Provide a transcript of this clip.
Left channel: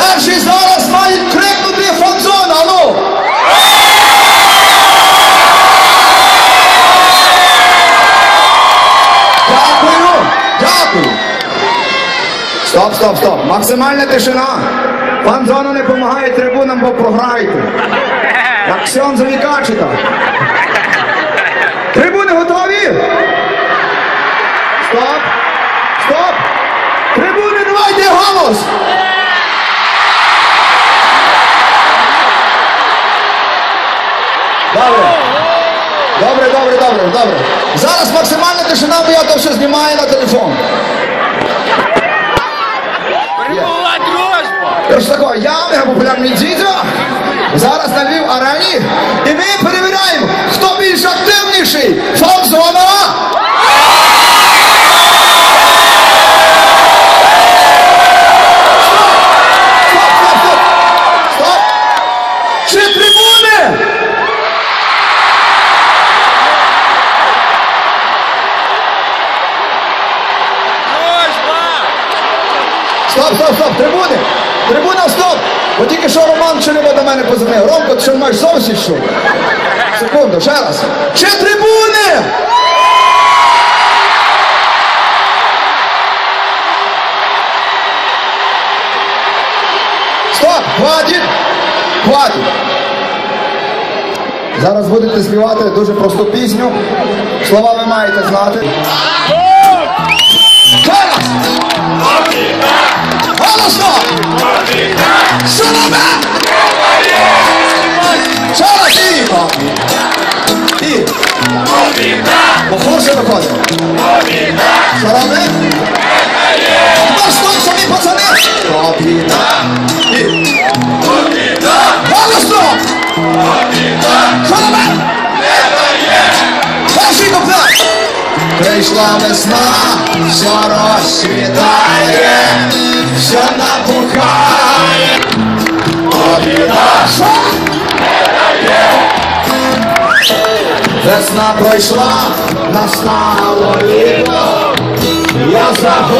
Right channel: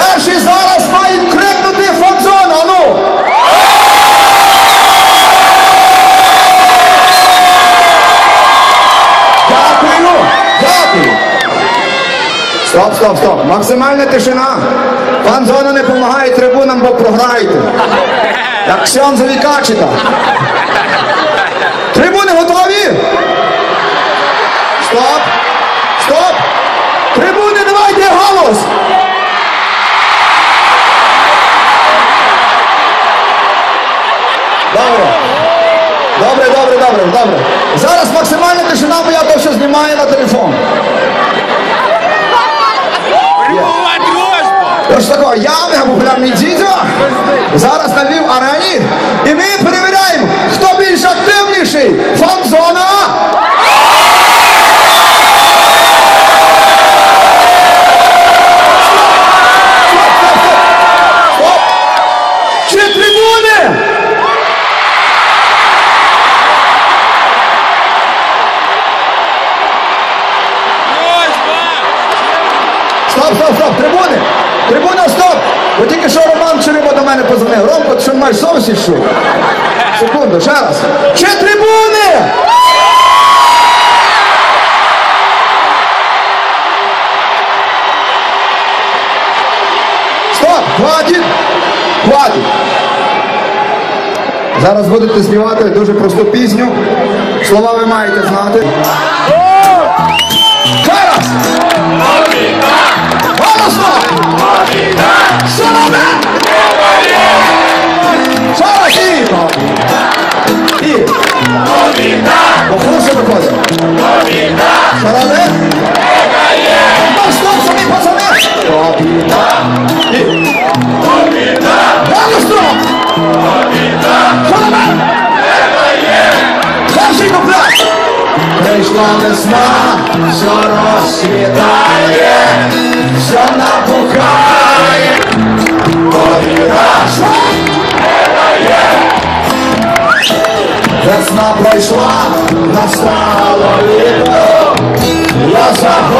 Перший зараз мають крикнути фанзон, а ну! Дякую, дякую. Стоп, стоп, стоп. Максимальна тишина. Пан Зона не допомагає трибунам, бо програєте. Як Ксьон Завікачика. Трибуни готові? Стоп! Стоп! Трибуни, давайте голос! Добре. Добре, добре, добре, добре. Зараз максимальна тишина, бо я то все знімаю на телефон. Прямова дружба! Ось тако, я популярний дідьо, зараз на Львів арені, і ми перевіряємо, Стоп, стоп, стоп, трибуни! Трибуна, стоп! Бо тільки що Роман Череба до мене позвонив. Ромко, ти що маєш зовсім що? Секунду, ще раз. Чи трибуни? Стоп, хватить! Хватить! Зараз будете співати дуже просту пісню. Слова ви маєте знати. Зараз! Awesome. Прийшла весна, що розцвітає, що набухає, повіраш, не дає. Весна пройшла, настало літо, я загорів,